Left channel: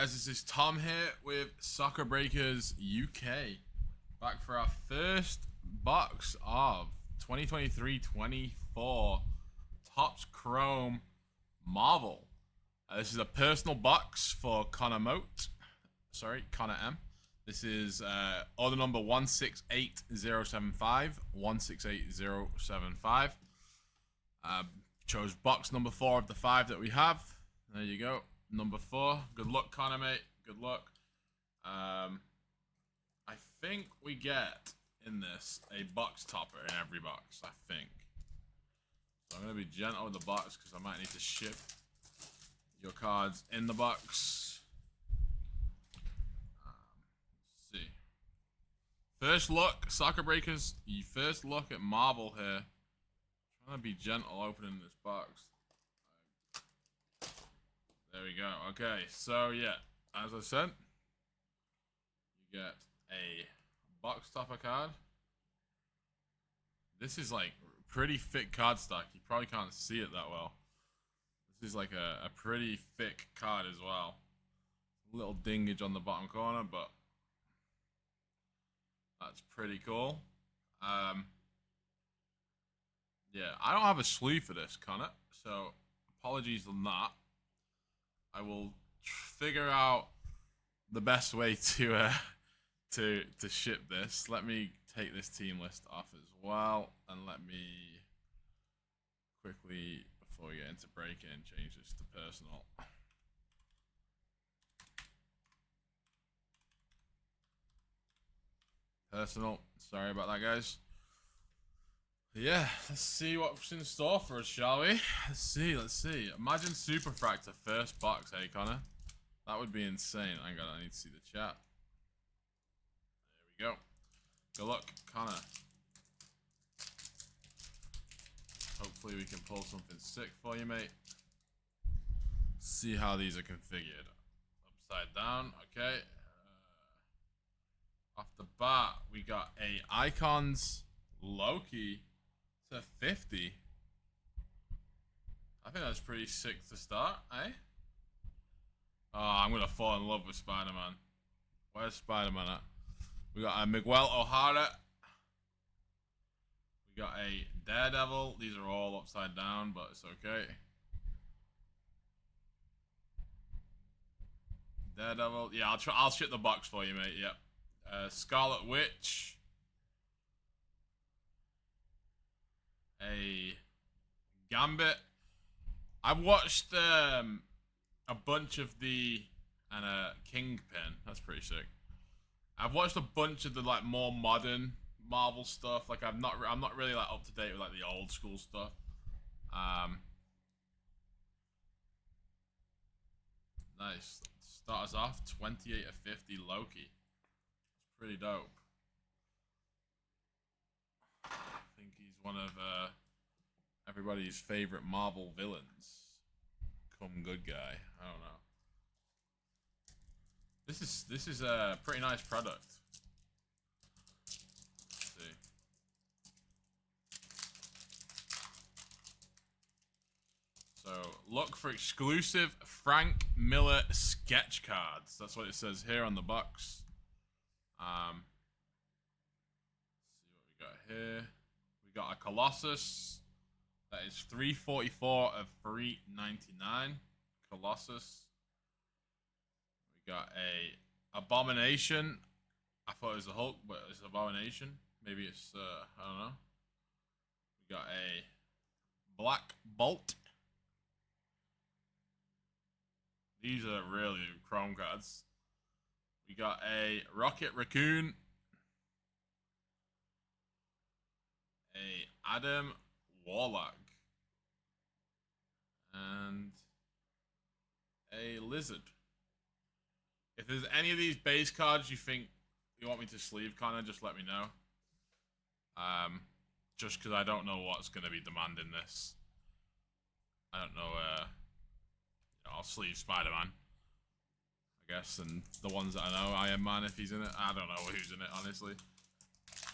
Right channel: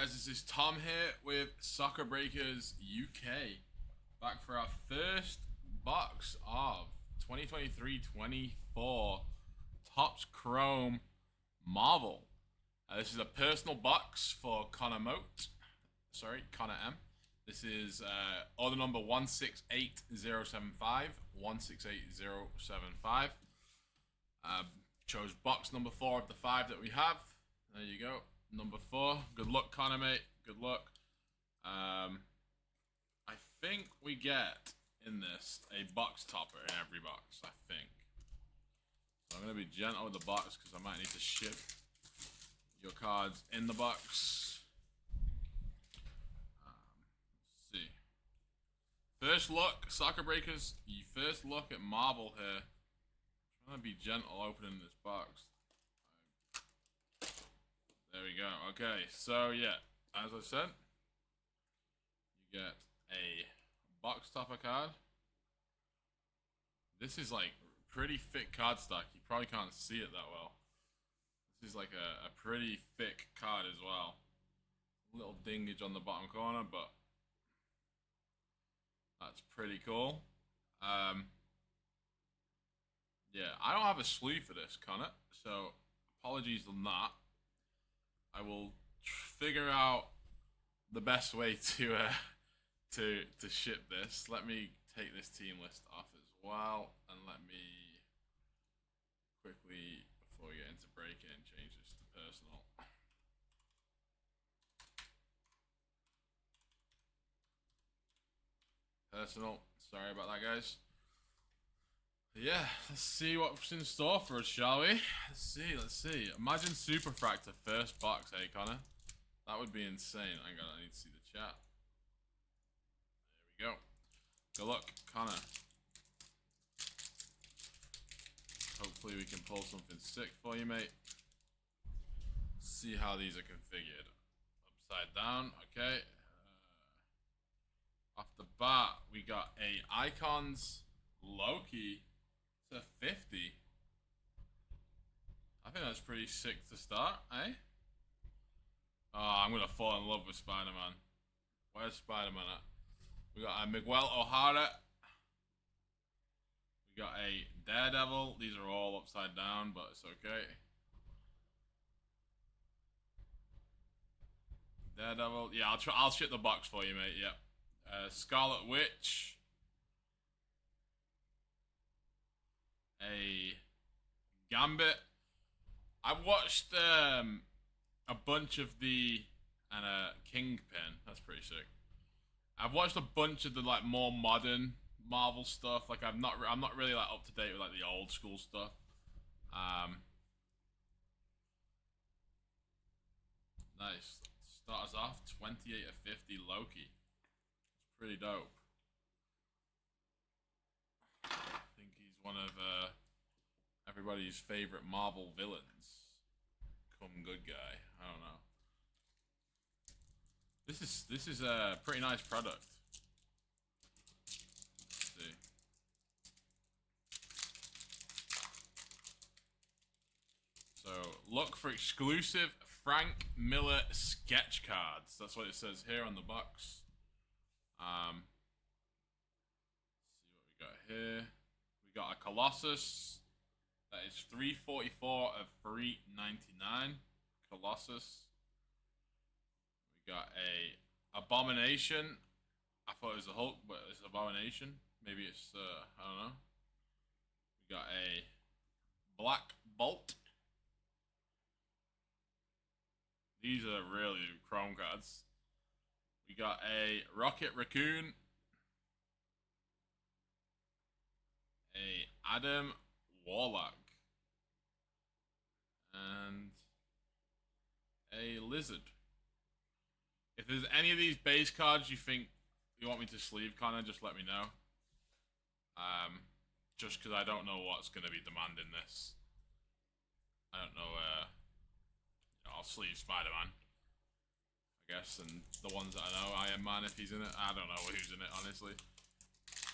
guys, this is Tom here with Soccer Breakers UK. Back for our first box of 2023-24 Topps Chrome Marvel. This is a personal box for Connor M. This is order number 168075. 168075. Chose box number 4 of the 5 that we have. There you go. Number 4. Good luck, Connor, mate. Good luck. I think we get in this a box topper in every box. I think. So I'm going to be gentle with the box because I might need to ship your cards in the box. Let's see. First look, Soccer Breakers. You first look at Marvel here. I'm trying to be gentle opening this box. There we go. Okay, so yeah, as I said, you get a box topper card. This is like pretty thick card stock. You probably can't see it that well. This is like a pretty thick card as well. A little dingage on the bottom corner, but that's pretty cool. Yeah, I don't have a sleeve for this, Connor, so apologies on that. I will figure out the best way to ship this. Let me take this team list off as well, and let me quickly, before we get into break-in, change this to personal. Personal. Sorry about that, guys. Yeah, let's see what's in store for us, shall we? Let's see. Imagine Superfractor first box, hey, Connor? That would be insane. I need to see the chat. There we go. Good luck, Connor. Hopefully we can pull something sick for you, mate. See how these are configured. Upside down, okay. Off the bat, we got a Icons Loki to 50. I think that's pretty sick to start, eh? Oh, I'm gonna fall in love with Spider-Man. Where's Spider-Man at? We got a Miguel O'Hara. We got a Daredevil. These are all upside down, but it's okay. Daredevil. Yeah, I'll ship the box for you, mate. Yep. Scarlet Witch. A Gambit. I've watched a bunch of and a Kingpin. That's pretty sick. I've watched a bunch of the like more modern Marvel stuff. Like I'm not really like up to date with like the old school stuff. Nice. Start us off 28 of 50 Loki. That's pretty dope. I think he's one of everybody's favorite Marvel villains. Come good guy. I don't know. This is a pretty nice product. Let's see. So look for exclusive Frank Miller sketch cards. That's what it says here on the box. See what we got here. We got a Colossus. That is 344 of 399. Colossus. We got a Abomination. I thought it was a Hulk, but it's Abomination. Maybe it's I don't know. We got a Black Bolt. These are really chrome cards. We got a Rocket Raccoon. A Adam Warlock. And a Lizard. If there's any of these base cards you think you want me to sleeve, Connor, just let me know. Just because I don't know what's going to be demanding this. I don't know. I'll sleeve Spider-Man, I guess, and the ones that I know, Iron Man if he's in it. I don't know who's in it, honestly.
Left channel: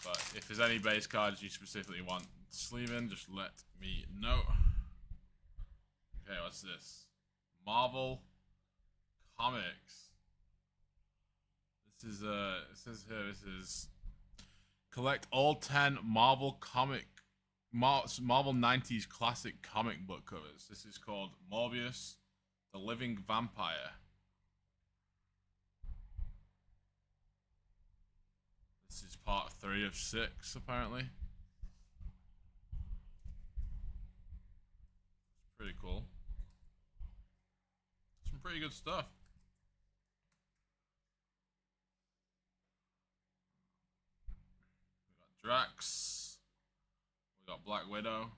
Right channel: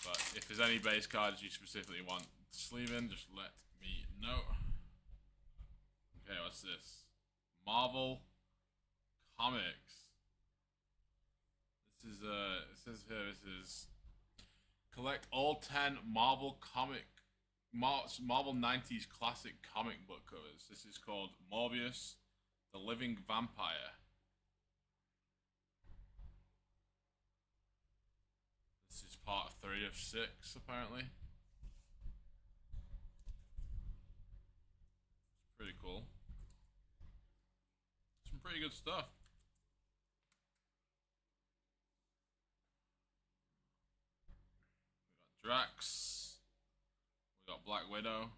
But if there's any base cards you specifically want to sleeve in, just let me know. Okay, what's this? Marvel Comics. This is it says here this is collect all 10 Marvel 90s classic comic book covers. This is called Morbius, the Living Vampire. This is part 3 of 6, apparently. It's pretty cool. Some pretty good stuff. We got Drax. We got Black Widow.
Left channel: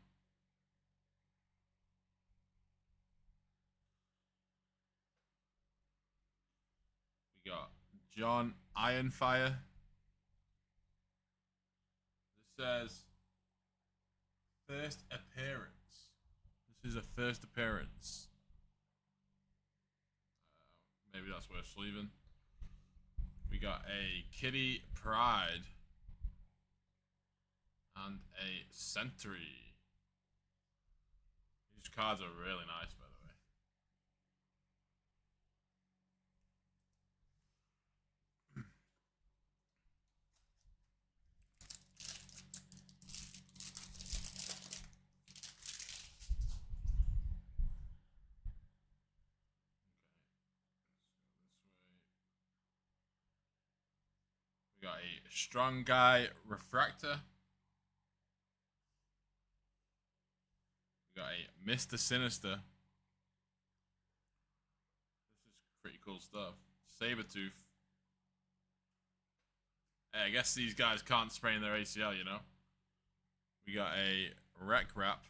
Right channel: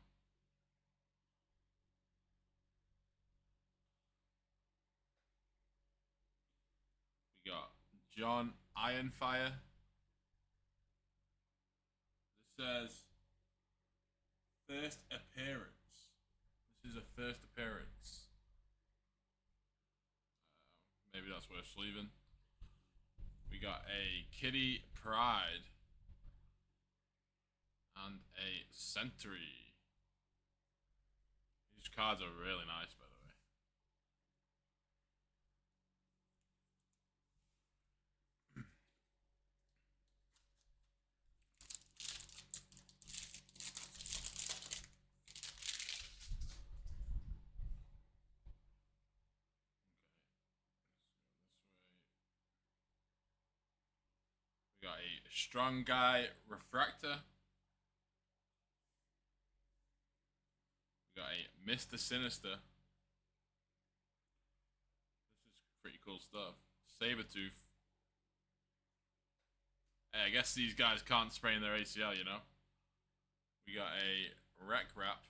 We got John Ironfire. This says first appearance. This is a first appearance. Maybe that's worth sleeving. We got a Kitty Pryde and a Sentry. These cards are really nice, by the way. We got a Strong Guy Refractor. We got a Mr. Sinister. This is pretty cool stuff. Sabretooth. Hey, I guess these guys can't sprain their ACL, you know? We got a Wreck Wrap.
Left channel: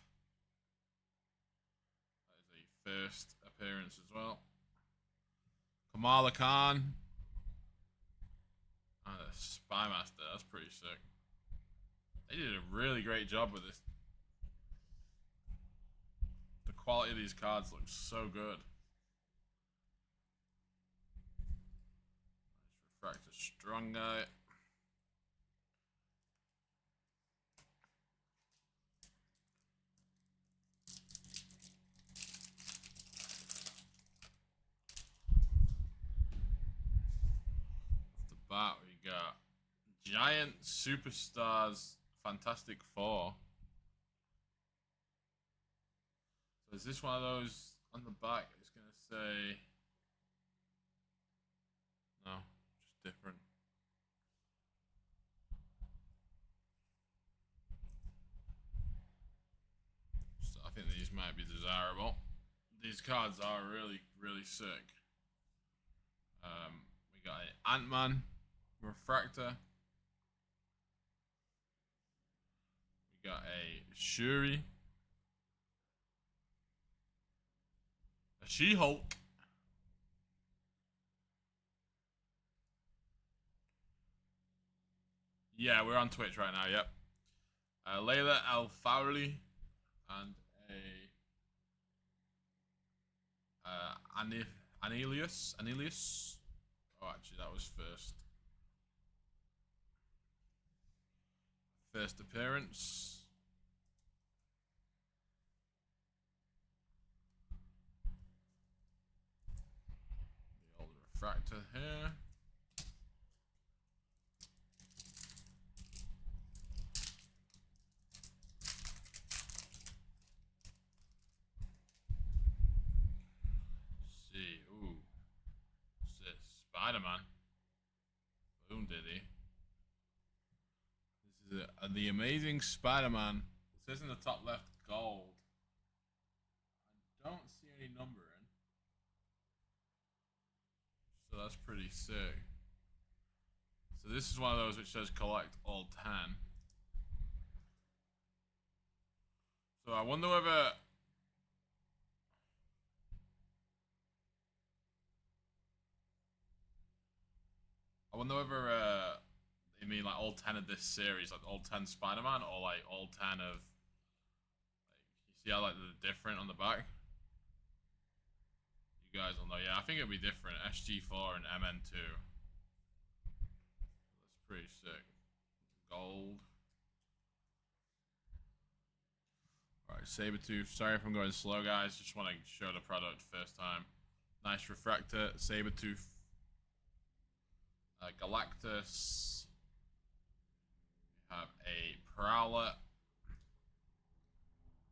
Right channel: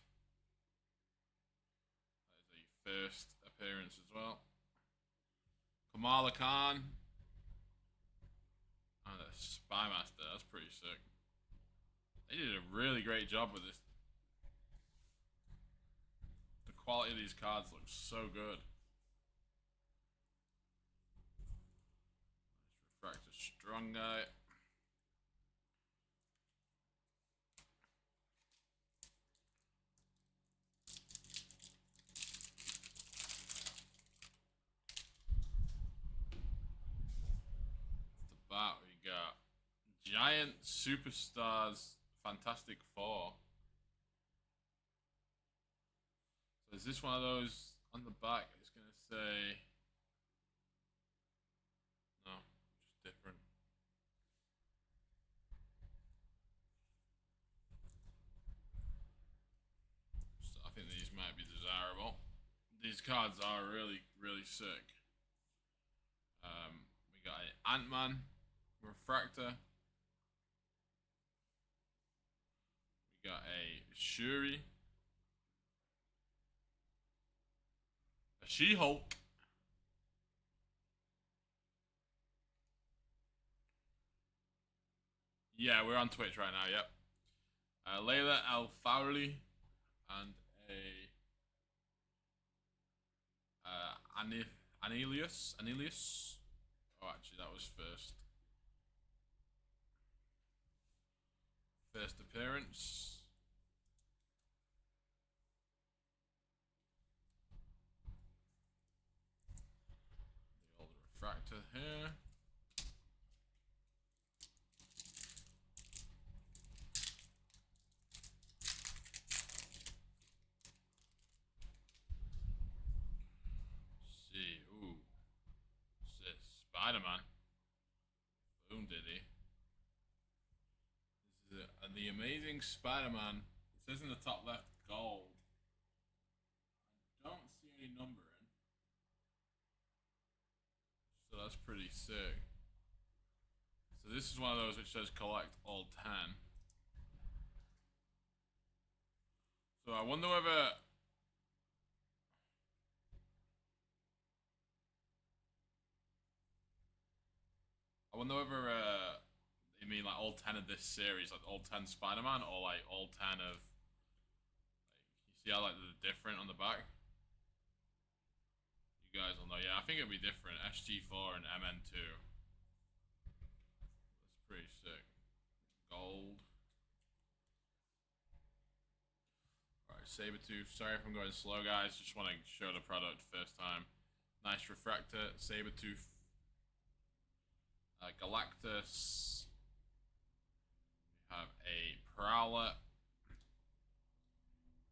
That is a first appearance as well. Kamala Khan. And a Spy Master. That's pretty sick. They did a really great job with this. The quality of these cards looks so good. Nice Refractor Strong Guy. Off the bat, we got Giant Superstars Fantastic Four. So is this one of those on the back? It's gonna say no, just different. So I think these might be desirable. These cards are really, really sick. We got an Ant-Man Refractor. We got a Shuri. A She-Hulk. Yeah, we're on Twitch right now, yep. Layla Al-Fawli and a Anilius. Oh, actually, that was first appearance. The old refractor here. See, ooh, what's this? Spider-Man. Boom, diddy. This is the Amazing Spider-Man. It says in the top left, gold. I don't see any numbering, so that's pretty sick. So this is one of those which says collect all 10. So I wonder whether they mean like all 10 of this series, like all 10 Spider-Man, or like all 10 of, like, you see how like they're different on the back? You guys will know. Yeah, I think it'll be different. SG4 and MN2. That's pretty sick. Gold. Alright, Sabretooth. Sorry if I'm going slow, guys. Just want to show the product first time. Nice Refractor, Sabretooth. Galactus. We have a Prowler,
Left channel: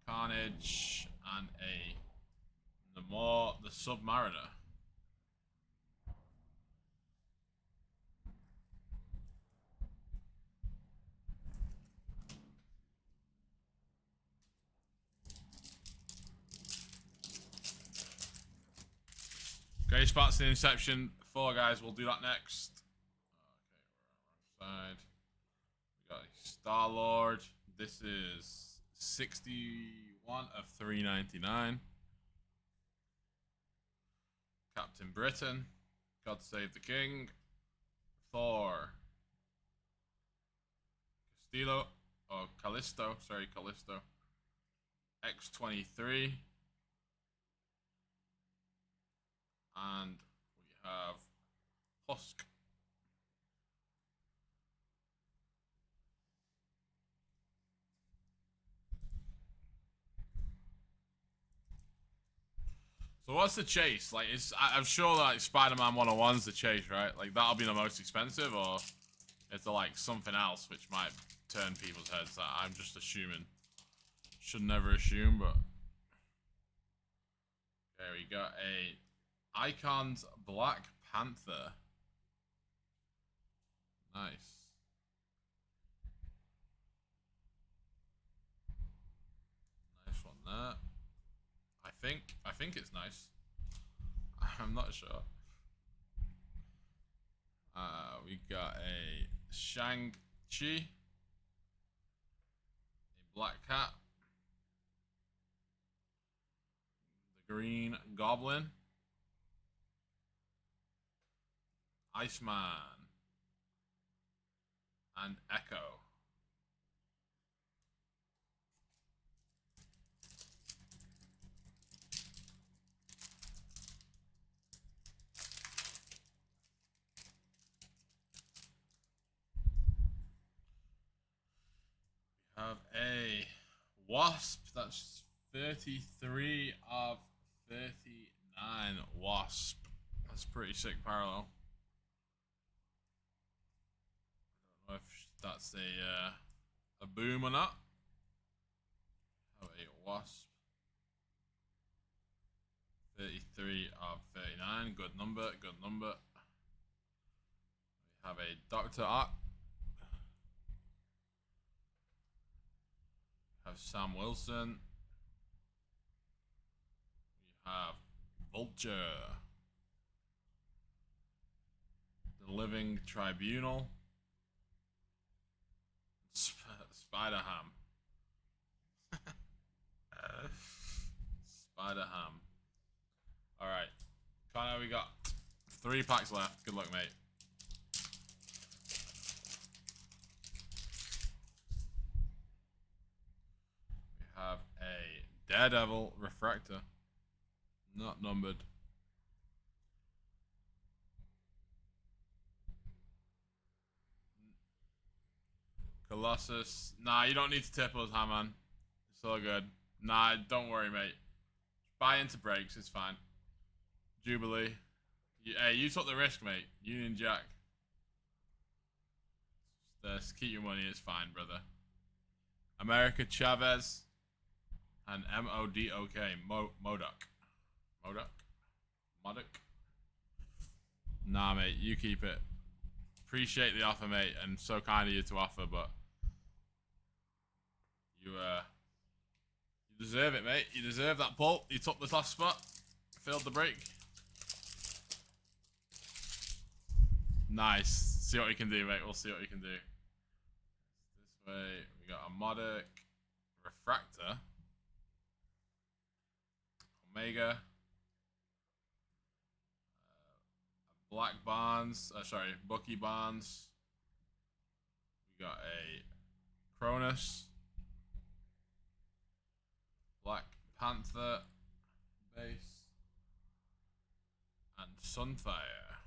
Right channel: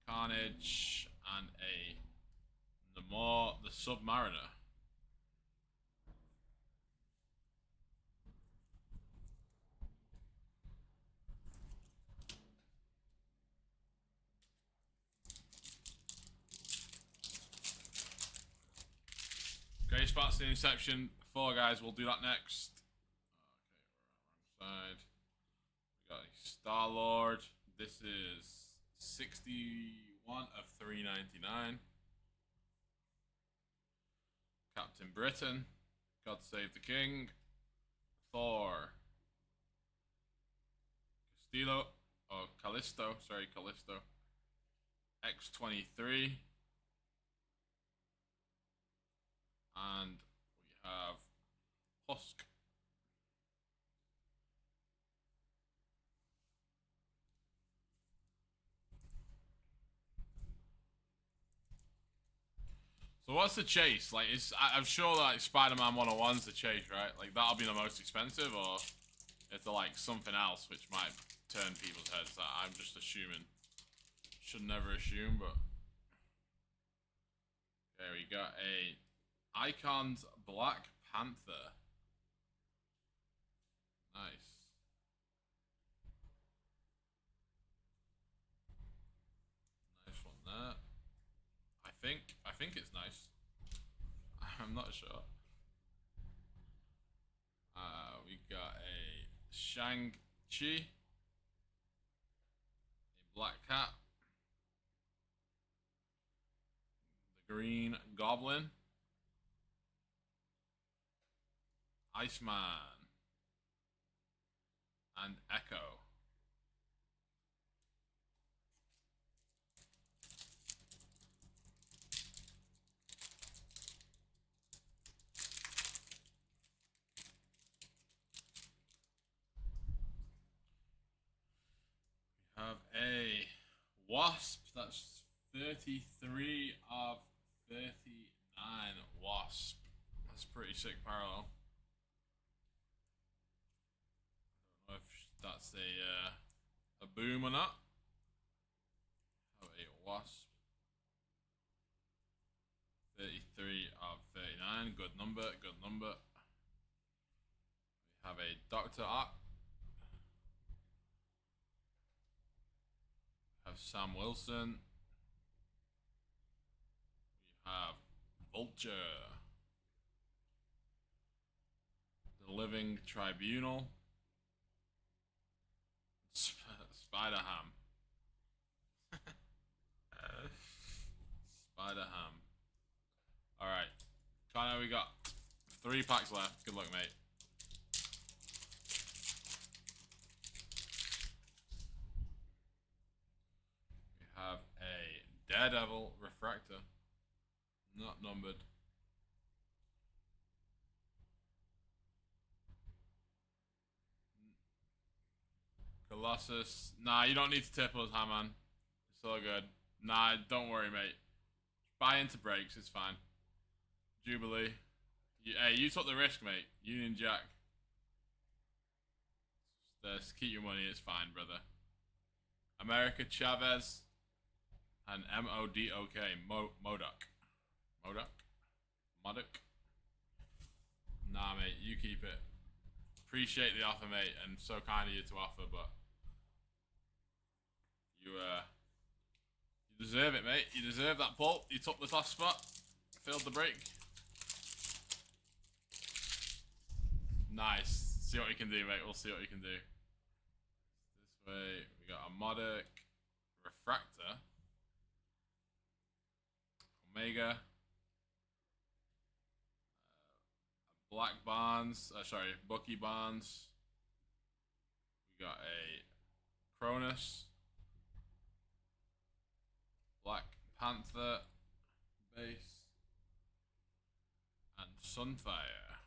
Carnage, and a Namor the Submariner. Great spots in Inception. 4 guys, we'll do that next. Okay, we're on the wrong side. We got Star-Lord. This is 61 of 399. Captain Britain. God Save the King. Thor. Callisto. Sorry, Callisto. X-23. And we have Husk. So what's the chase? Like, I'm sure like Spider-Man 101's the chase, right? Like, that'll be the most expensive, or is there like something else which might turn people's heads? I'm just assuming. Should never assume, but there we got a Icons Black Panther. Nice. Nice one there. I think it's nice. I'm not sure. We got a Shang-Chi, a Black Cat, the Green Goblin, Iceman, and Echo. We have a Wasp. That's 33 of 39 Wasp. That's pretty sick parallel. I don't know if that's a boom or not. Have a Wasp. 33 of 39. Good number. Good number. We have a Dr. Ock. We have Sam Wilson. We have Vulture. The Living Tribunal. Spider-Ham. Spider-Ham. Alright. Connor, we got 3 packs left. Good luck, mate. We have a Daredevil Refractor. Not numbered. Colossus. Nah, you don't need to tip us, Haman. It's all good. Nah, don't worry, mate. Buy into breaks, it's fine. Jubilee. Hey, you took the risk, mate. Union Jack. Just keep your money, it's fine, brother. America Chavez. And M-O-D-O-K. Modoc. Modoc? Modoc? Nah, mate, you keep it. Appreciate the offer, mate, and so kind of you to offer, but you deserve it, mate. You deserve that pull. You took the last spot. Failed the break. Nice. See what we can do, mate. We'll see what we can do. This way, we got a Modoc Refractor. Omega. Black Bonds. Sorry, Bucky Bonds. We got a Cronus. Black Panther base. And Sunfire.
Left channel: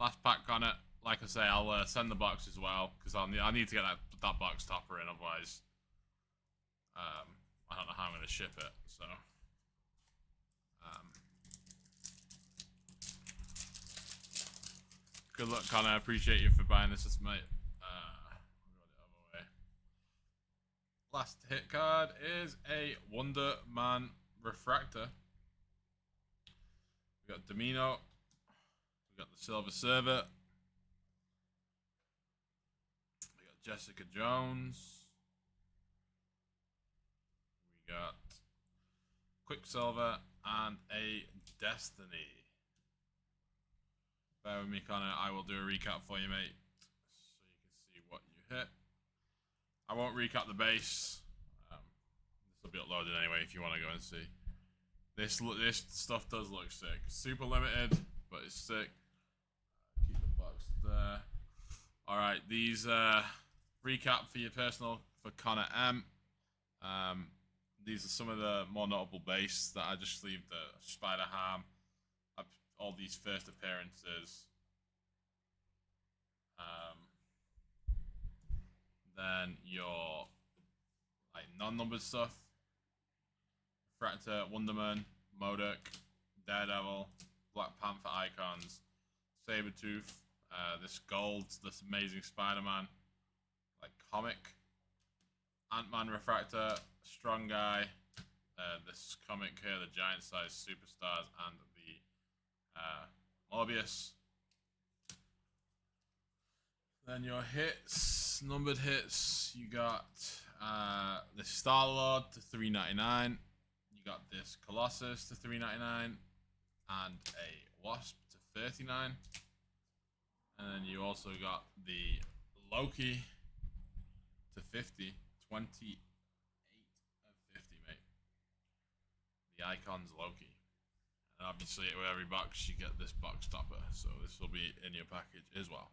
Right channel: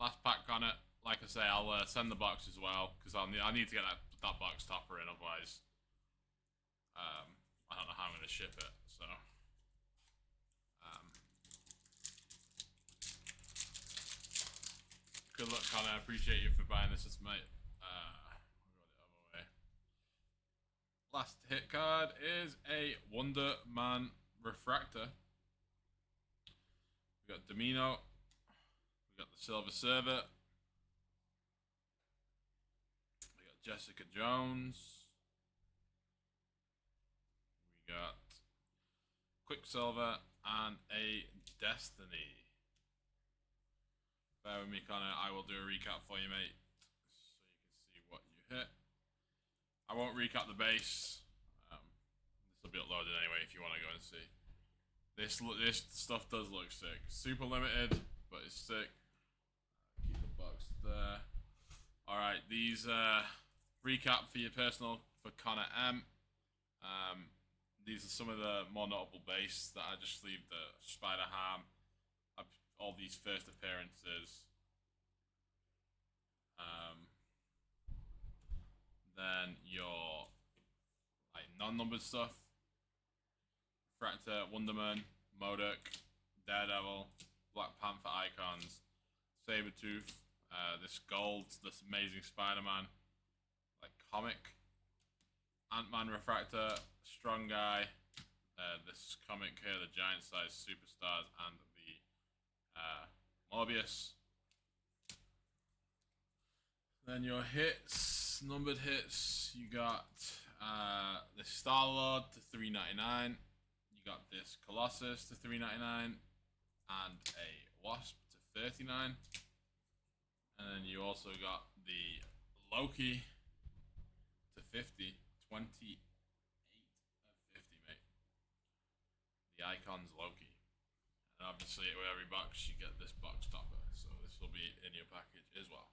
Last pack on it. Like I say, I'll send the box as well, because I need to get that box topper in, otherwise I don't know how I'm going to ship it, so Good luck, Connor. I appreciate you for buying this, mate. We'll go the other way. Last hit card is a Wonder Man Refractor. We got Domino. We got the Silver Server. We got Jessica Jones. We got Quicksilver and a Destiny. Bear with me, Connor. I will do a recap for you, mate, so you can see what you hit. I won't recap the base. This will be uploaded anyway if you want to go and see. This stuff does look sick. Super limited, but it's sick. Keep the box there. All right, these recap for your personal for Connor M. These are some of the more notable base that I just sleeved. The Spider-Ham, all these first appearances. Then your like non-numbered stuff. Refractor, Wonderman, Modok, Daredevil, Black Panther icons, Sabretooth, this gold, this amazing Spider-Man, like comic, Ant-Man Refractor, Strong Guy, this comic here, the giant size superstars, and the Morbius. Then your hits, numbered hits, you got the Star-Lord to $3.99. You got this Colossus to $3.99 and a Wasp to $39. And then you also got the Loki to 50, 28 of 50, mate. The Icon's Loki. And obviously with every box you get this box topper, so this will be in your package as well.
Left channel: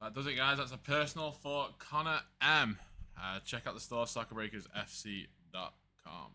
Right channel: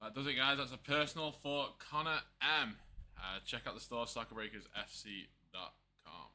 That does it, guys. That's a personal for Connor M. Check out the store, soccerbreakersfc.com.